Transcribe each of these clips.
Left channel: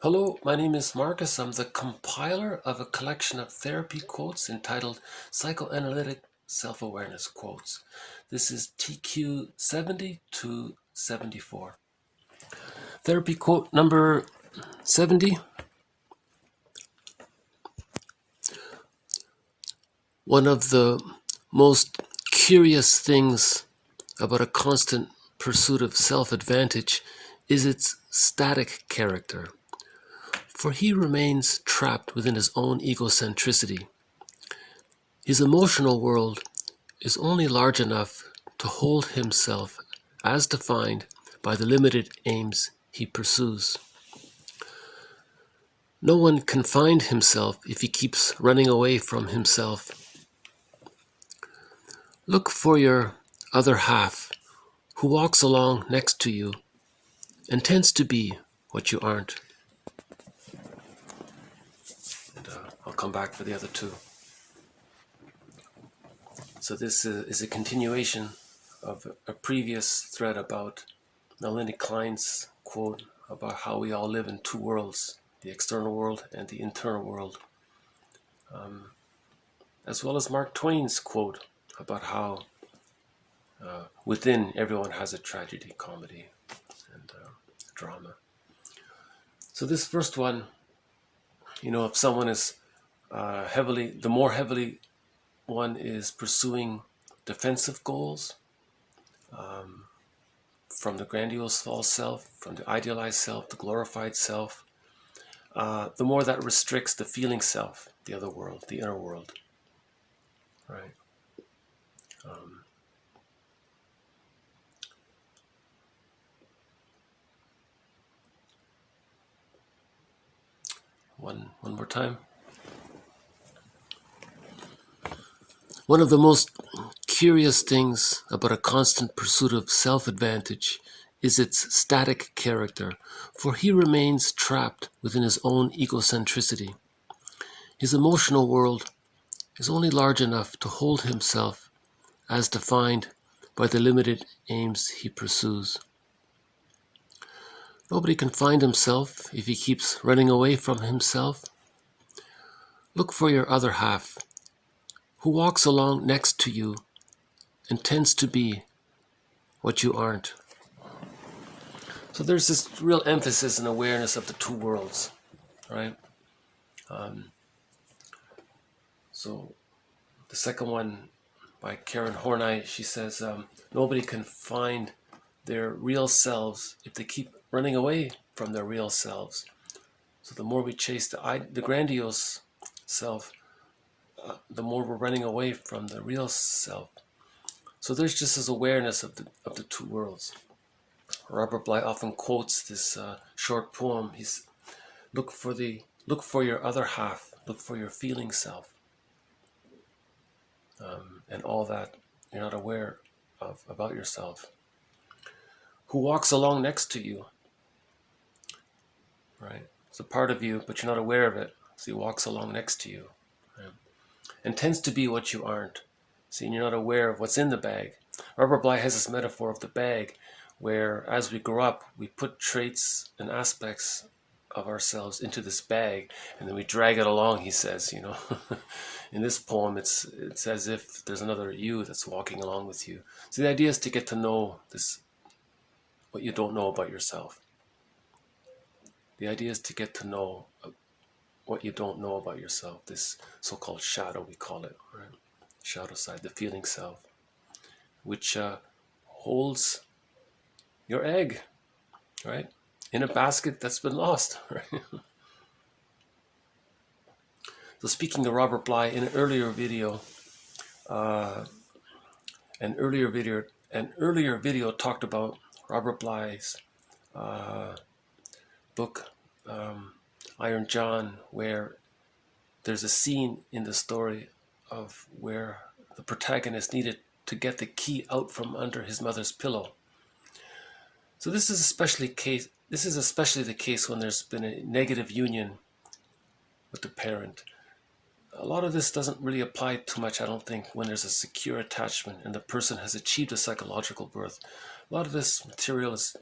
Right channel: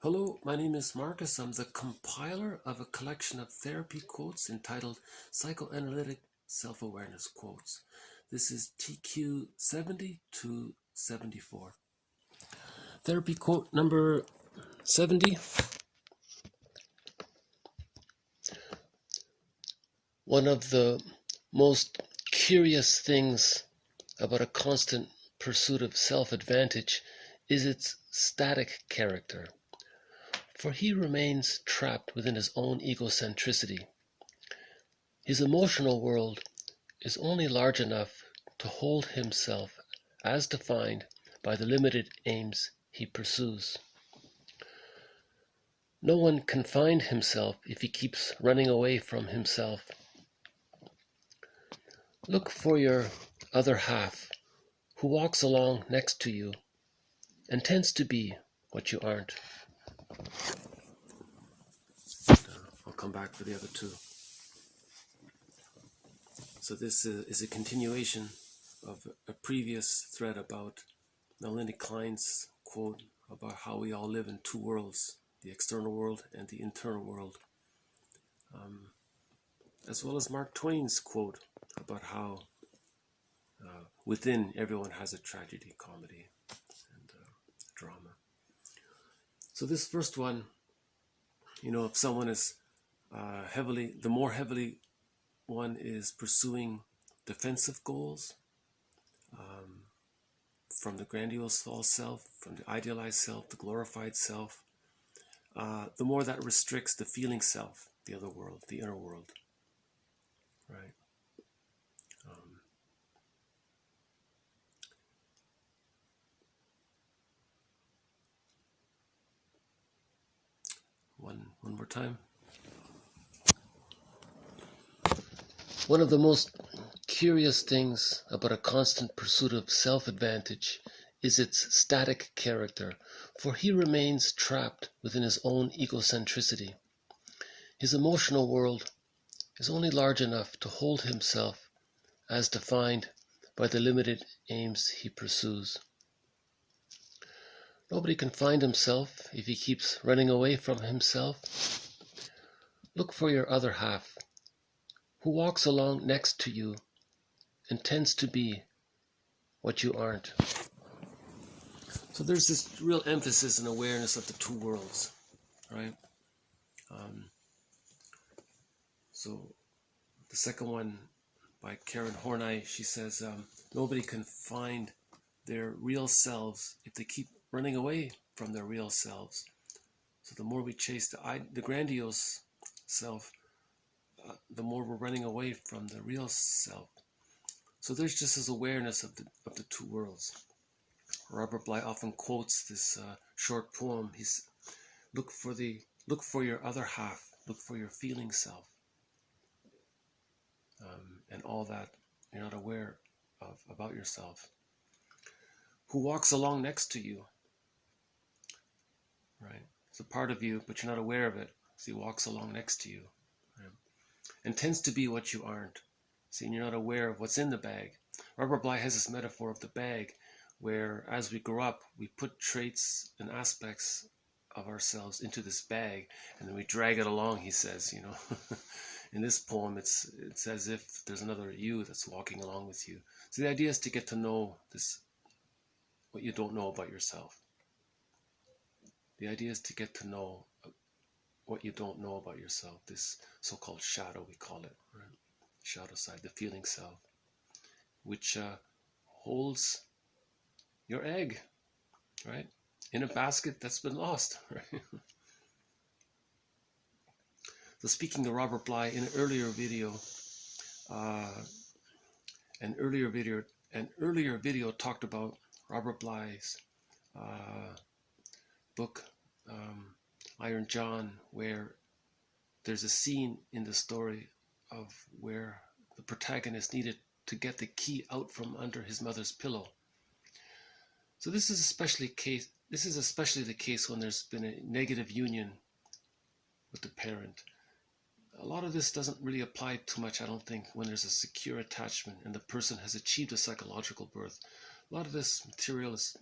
Hello, my name is Marcus. I'm the compiler of a collection of therapy quotes entitled Psychoanalytic Self-Awareness Quotes. This is TQ 70 to 74. Therapy quote number 70. One of the most curious things about a constant pursuit of self-advantage is its static character. For he remains trapped within his own egocentricity. His emotional world is only large enough to hold himself as defined by the limited aims he pursues. No one can find himself if he keeps running away from himself. Look for your other half, who walks along next to you and tends to be what you aren't. I'll come back for the other two. So this is a continuation of a previous thread about Melanie Klein's quote about how we all live in two worlds, the external world and the internal world, as well as Mark Twain's quote about how within everyone has a tragedy, comedy, and drama. So this first one, if someone is the more heavily one is pursuing defensive goals, from the grandiose false self, from the idealized self, the glorified self, the more that restricts the feeling self, the other world, the inner world, right? One more time. One of the most curious things about a constant pursuit of self-advantage is its static character, for he remains trapped within his own egocentricity. His emotional world is only large enough to hold himself as defined by the limited aims he pursues. Nobody can find himself if he keeps running away from himself. Look for your other half, who walks along next to you and tends to be what you aren't. So there's this real emphasis and awareness of the two worlds, right? So the second one by Karen Horney, she says, nobody can find their real selves if they keep running away from their real selves. So the more we chase the grandiose self, the more we're running away from the real self. So there's just this awareness of the two worlds. Robert Bly often quotes this short poem. He's look for your other half, look for your feeling self, and all that you're not aware of about yourself. Who walks along next to you, right? It's a part of you, but you're not aware of it. So he walks along next to you, right? And tends to be what you aren't. See, and you're not aware of what's in the bag. Robert Bly has this metaphor of the bag, where as we grow up, we put traits and aspects of ourselves into this bag, and then we drag it along, he says, In this poem, it's as if there's another you that's walking along with you. So the idea is to get to know this, what you don't know about yourself. The idea is to get to know what you don't know about yourself, this so-called shadow, we call it, right? Shadow side, the feeling self, which holds your egg, right? In a basket that's been lost, right? So speaking of Robert Bly, in an earlier video, an earlier video talked about Robert Bly's book, Iron John, where there's a scene in the story of where the protagonist needed to get the key out from under his mother's pillow. So this is especially the case when there's been a negative union with the parent. A lot of this doesn't really apply too much, I don't think, when there's a secure attachment and the person has achieved a psychological birth. A lot of this material is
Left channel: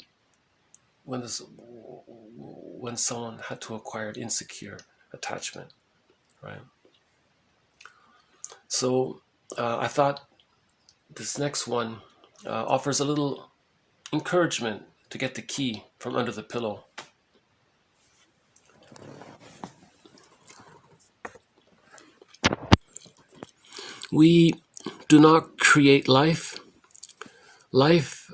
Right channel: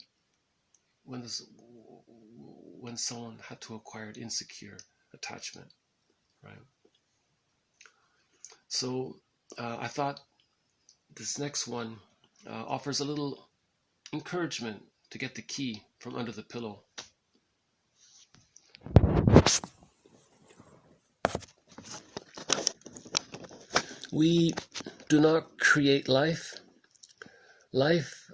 when when someone had to acquire insecure attachment, right? So I thought this next one offers a little encouragement to get the key from under the pillow. We do not create life. Life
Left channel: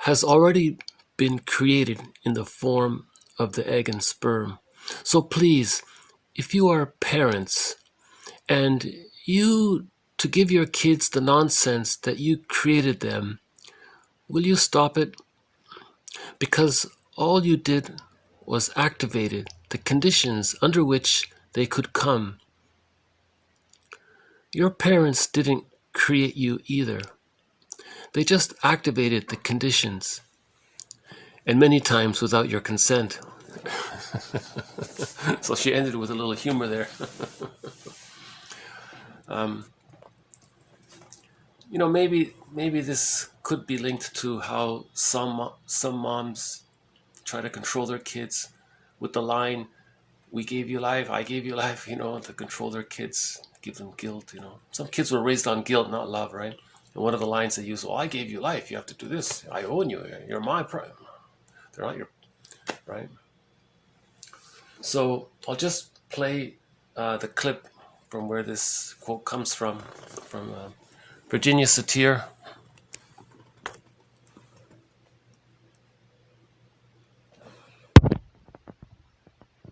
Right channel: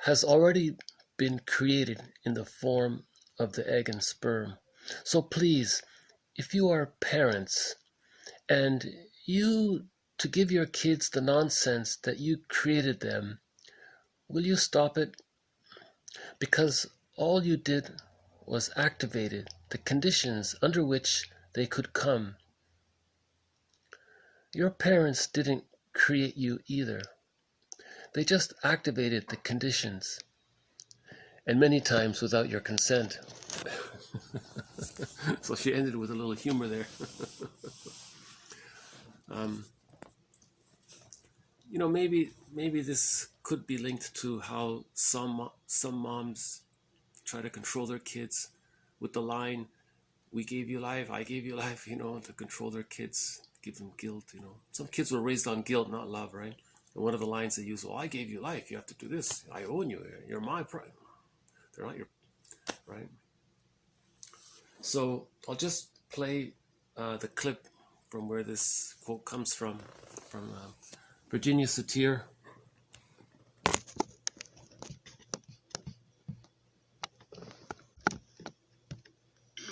has already been created in the form of the egg and sperm. So please, if you are parents and you to give your kids the nonsense that you created them, will you stop it? Because all you did was activated the conditions under which they could come. Your parents didn't create you either. They just activated the conditions, and many times without your consent. So she ended with a little humor there. You know, maybe this could be linked to how some moms try to control their kids with the line, "We gave you life, I gave you life," you know, to control their kids, give them guilt, you know. Some kids were raised on guilt, not love, right? And one of the lines they use, "Well, I gave you life, you have to do this. I own you. You're my pride. They're not your," right? So I'll just play the clip from where this quote comes from Virginia Satir.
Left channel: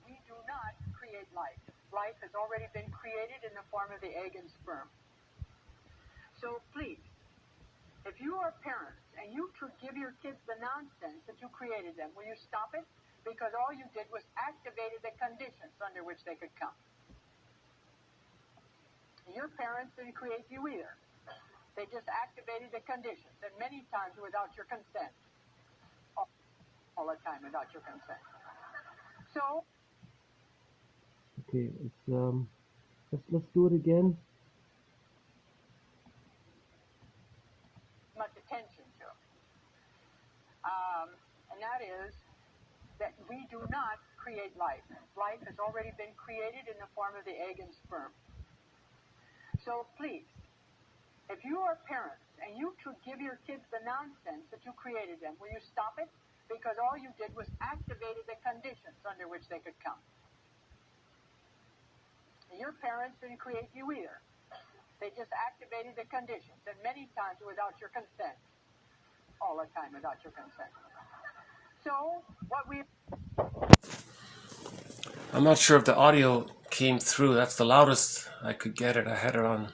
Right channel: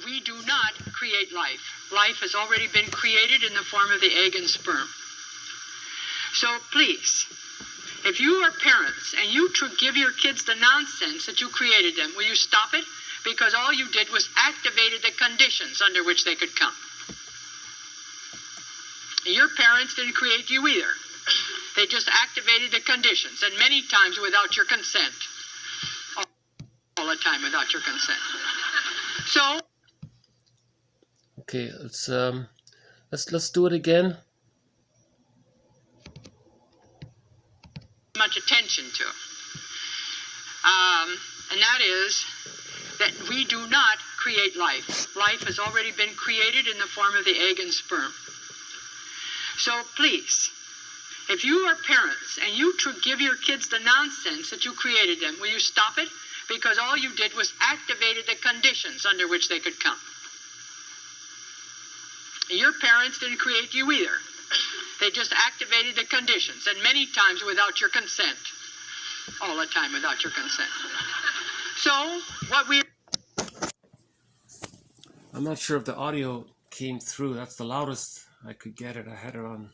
We do not create life. Life has already been created in the form of the egg and sperm. So please, if you are parents and you give your kids the nonsense that you created them, will you stop it? Because all you did was activated the conditions under which they could come. Your parents didn't create you either. They just activated the conditions, and many times without your consent. All the time without your consent. So okay, let's do it again. Much attention to, and that is that we do not create life. Life has already been created in the form of the egg and sperm. So please, if you are parents and you give your kids the nonsense that you created them, will you stop it? Because all you did was activated the conditions under which they could come. Your parents didn't create you either. They just activated the conditions, and many times without your consent. All the time without your consent. So, I'm not sure if the audio came through. That's the loudest I could get it. I had it on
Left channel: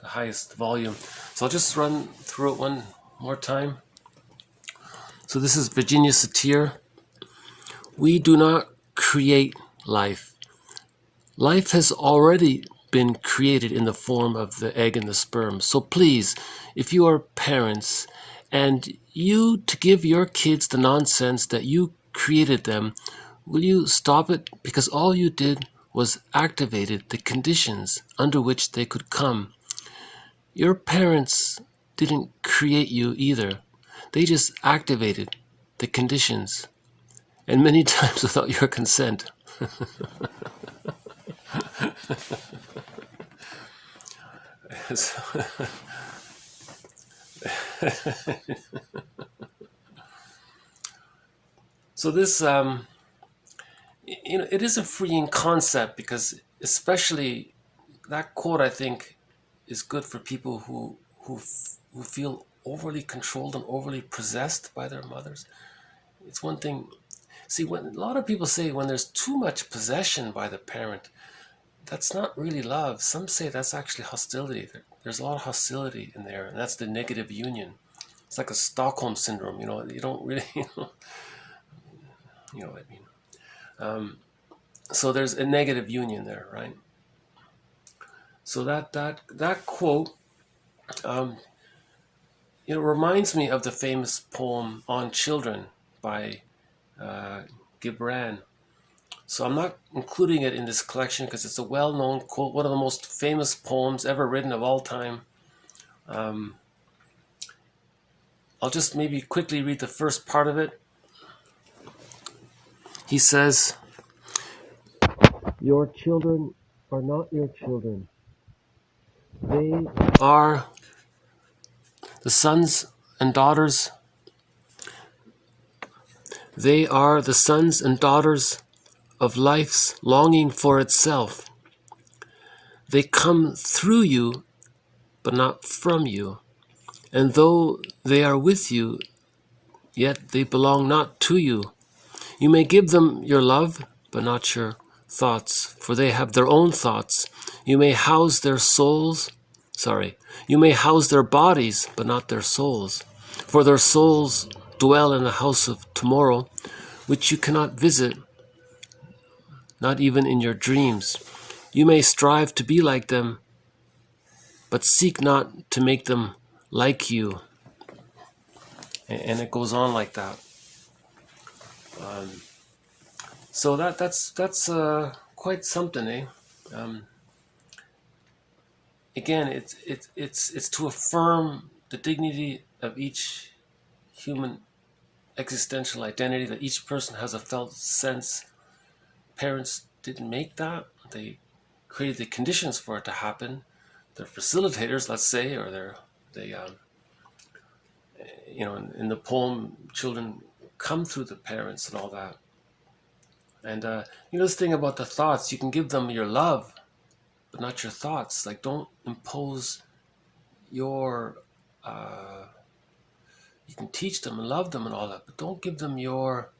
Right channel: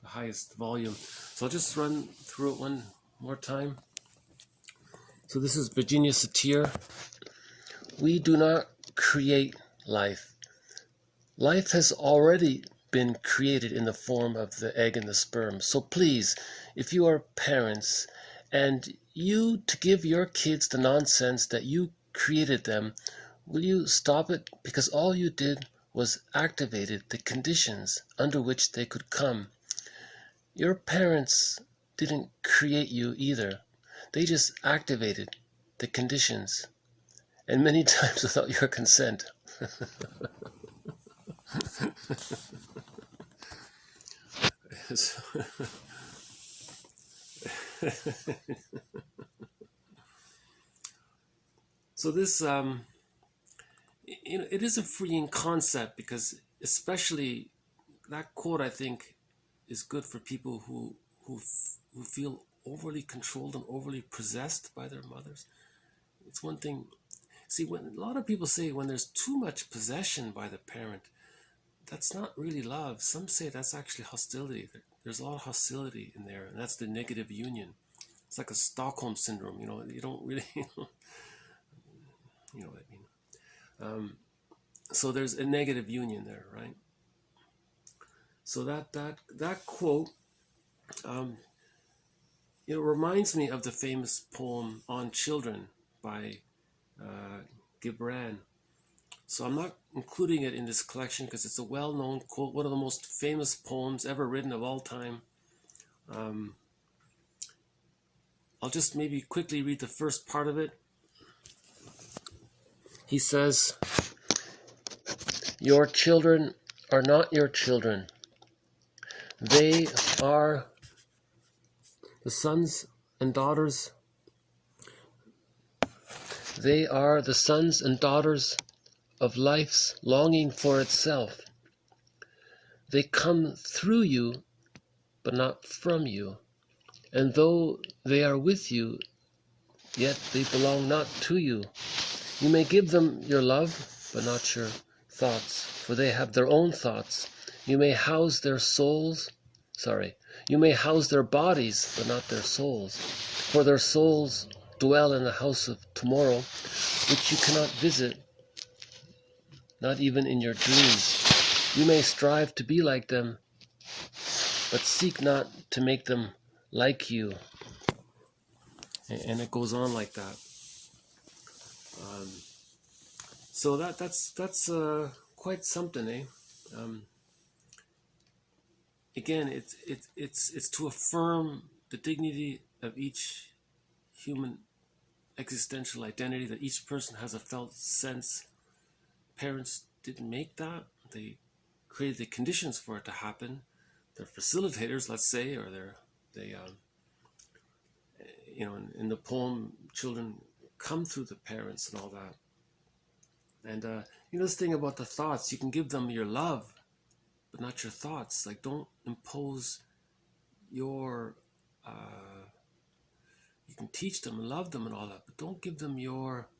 the highest volume. So I'll just run through it one more time. So this is Virginia Satir. We do not create life. Life has already been created in the form of the egg and the sperm. So please, if you are parents and you to give your kids the nonsense that you created them, will you stop it? Because all you did was activated the conditions under which they could come. Your parents didn't create you either. They just activated the conditions, and many times without your consent. So this, you know, it is a freeing concept, because especially that quote, I think, is good for people who feel overly controlled and overly possessed by their mothers. It's one thing. See, when a lot of people say when there's too much possession by the parent, that's not really love. Some say that's actually hostility. There's a lot of hostility in there, and that's the negative union. It's like a Stockholm syndrome, you know. You don't really, you know what I mean. So there's a negative union there, right? So that quote, it reminds me of the famous poem On Children by Gibran. So I'm not including it in this collection because it's a well-known quote, one of the most famous poems ever written of all time. I'll just maybe quickly read the first part of it. he says, your children are not your children. They are the sons and daughters. They are the sons and daughters of life's longing for itself. They come through you, but not from you. And though they are with you, yet they belong not to you. You may give them your love, but not your thoughts, for they have their own thoughts. You may house their bodies, but not their souls. For their souls dwell in the house of tomorrow, which you cannot visit, not even in your dreams. You may strive to be like them, but seek not to make them like you. And it goes on like that. So that's quite something, eh? Again, it's to affirm the dignity of each human existential identity, that each person has a felt sense. Parents didn't make that; they created the conditions for it to happen. They're facilitators, let's say, or in the poem, children come through the parents and all that. And this thing about the thoughts, you can give them your love, but not your thoughts. Like, don't impose your, you can teach them and love them and all that, but don't give them your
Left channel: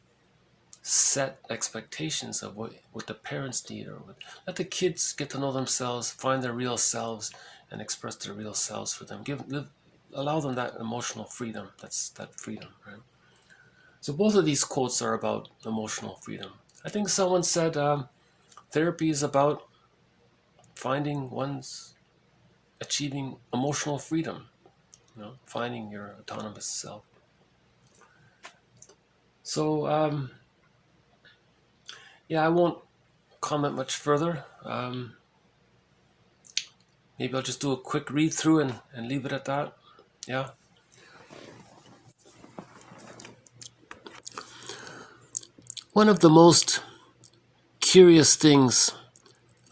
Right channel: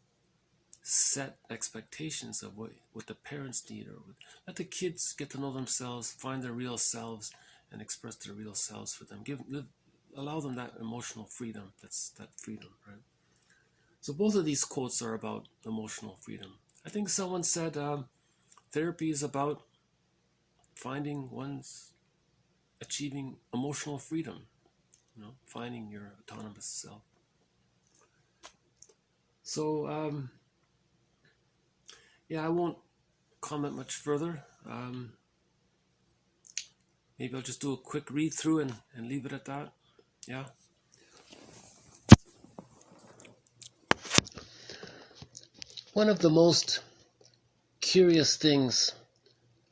set expectations of what the parents need, or let the kids get to know themselves, find their real selves, and express their real selves for them. Allow them that emotional freedom. That's that freedom, right? So both of these quotes are about emotional freedom. I think someone said therapy is about achieving emotional freedom, finding your autonomous self. So, I won't comment much further. Maybe I'll just do a quick read through and leave it at that. Yeah. One of the most curious things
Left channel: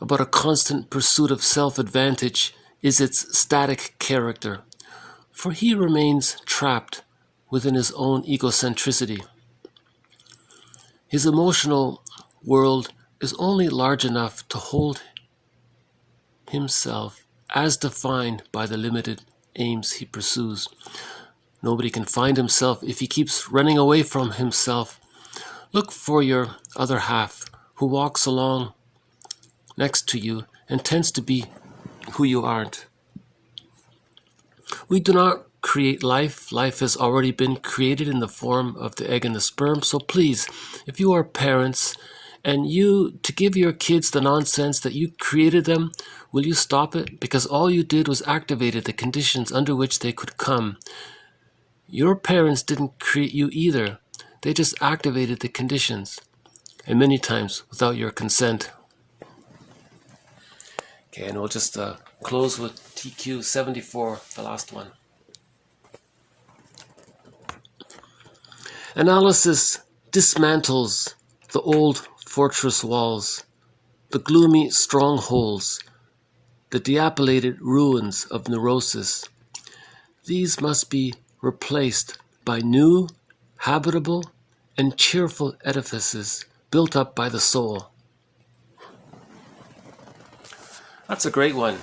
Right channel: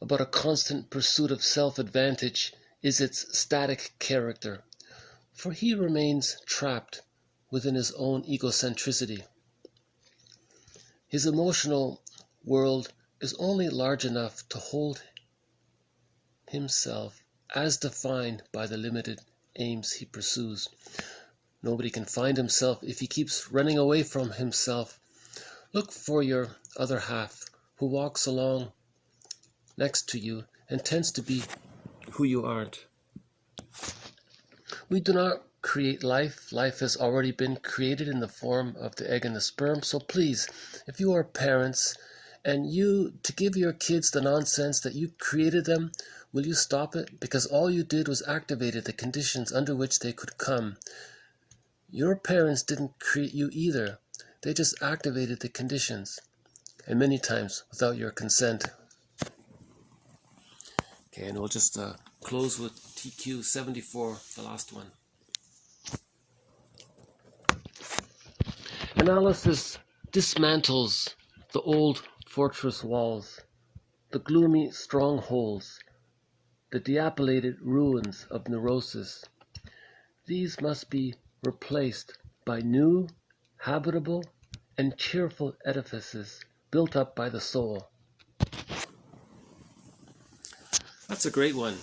about a constant pursuit of self-advantage is its static character, for he remains trapped within his own egocentricity. His emotional world is only large enough to hold himself as defined by the limited aims he pursues. Nobody can find himself if he keeps running away from himself. Look for your other half, who walks along next to you and tends to be who you aren't. We do not create life. Life has already been created in the form of the egg and the sperm. So please, if you are parents and to give your kids the nonsense that you created them, will you stop it? Because all you did was activated the conditions under which they could come. Your parents didn't create you either. They just activated the conditions, and many times without your consent. Okay, and we'll just close with TQ 74, the last one. Analysis dismantles the old fortress walls, the gloomy strongholds, the diapilated ruins of neurosis. These must be replaced by new, habitable, and cheerful edifices built up by the soul. That's a great one.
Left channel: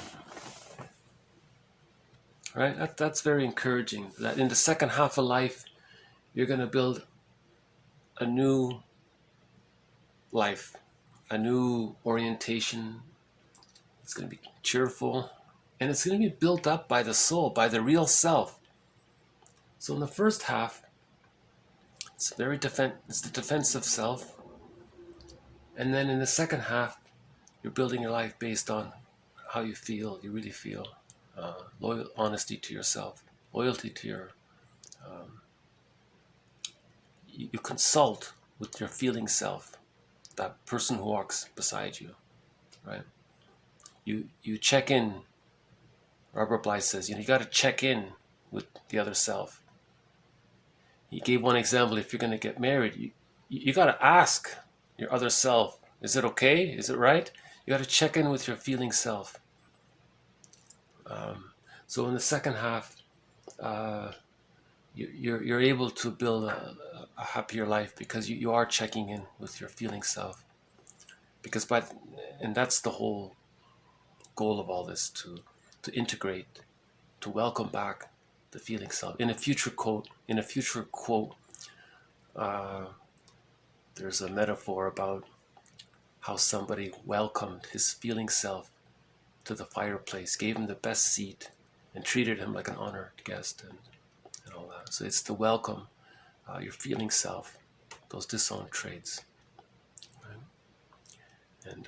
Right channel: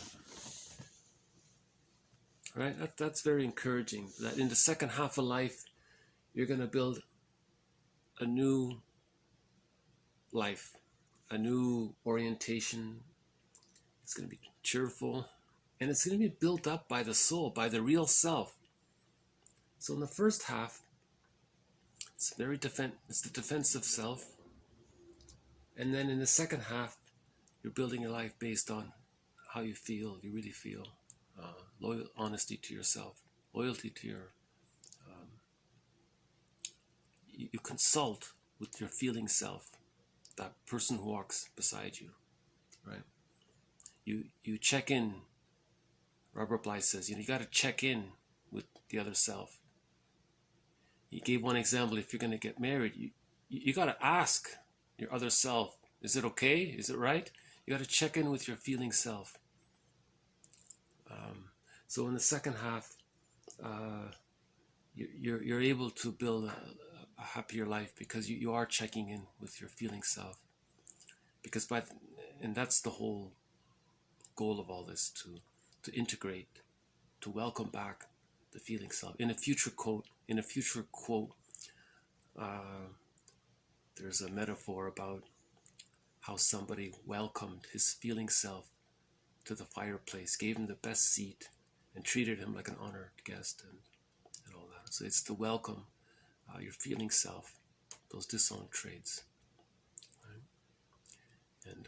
Right? That's very encouraging. That in the second half of life, you're going to build a new life, a new orientation. It's going to be cheerful, and it's going to be built up by the soul, by the real self. So in the first half, it's the defensive self, and then in the second half, you're building your life based on how you feel. You really feel loyal, honesty to yourself, loyalty to your. You consult with your feeling self, that person who walks beside you, right? You check in. Robert Bly says, you got to check in with the other self. He gave one example. If you're going to get married, you got to ask your other self. Is it okay? Is it right? You got to check in with your feeling self. So in the second half, you're able to build a happier life because you are checking in with your feeling self. Because and that's the whole goal of all this, to integrate, to welcome back the feeling self. In a future quote, there's a metaphor about how somebody welcomed his feeling self to the fireplace, gave him the best seat, and treated him like an honored guest, and all that. So it's to welcome your feeling self, those disowned traits. Right? And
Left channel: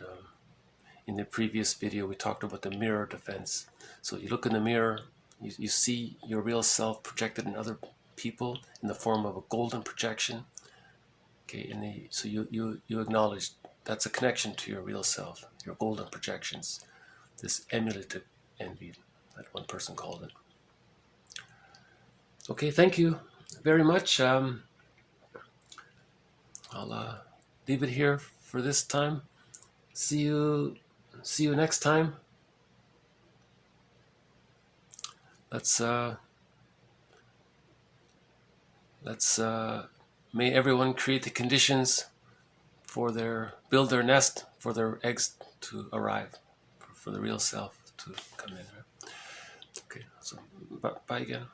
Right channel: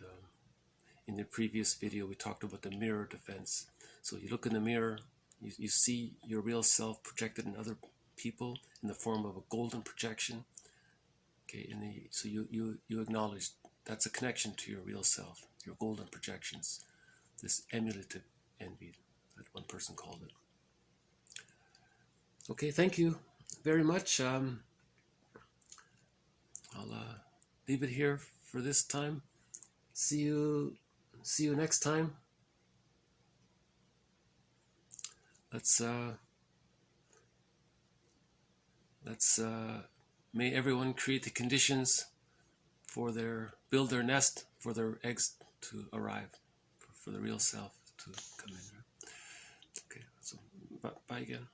in the previous video, we talked about the mirror defense. So you look in the mirror, you see your real self projected in other people in the form of a golden projection. Okay, so you acknowledge that's a connection to your real self, your golden projections, this emulative envy that one person called it. Okay, thank you very much. I'll leave it here for this time. See you next time. Let's may everyone create the conditions for build their nest for their eggs to arrive, for the real self to come in. Okay, so bye again.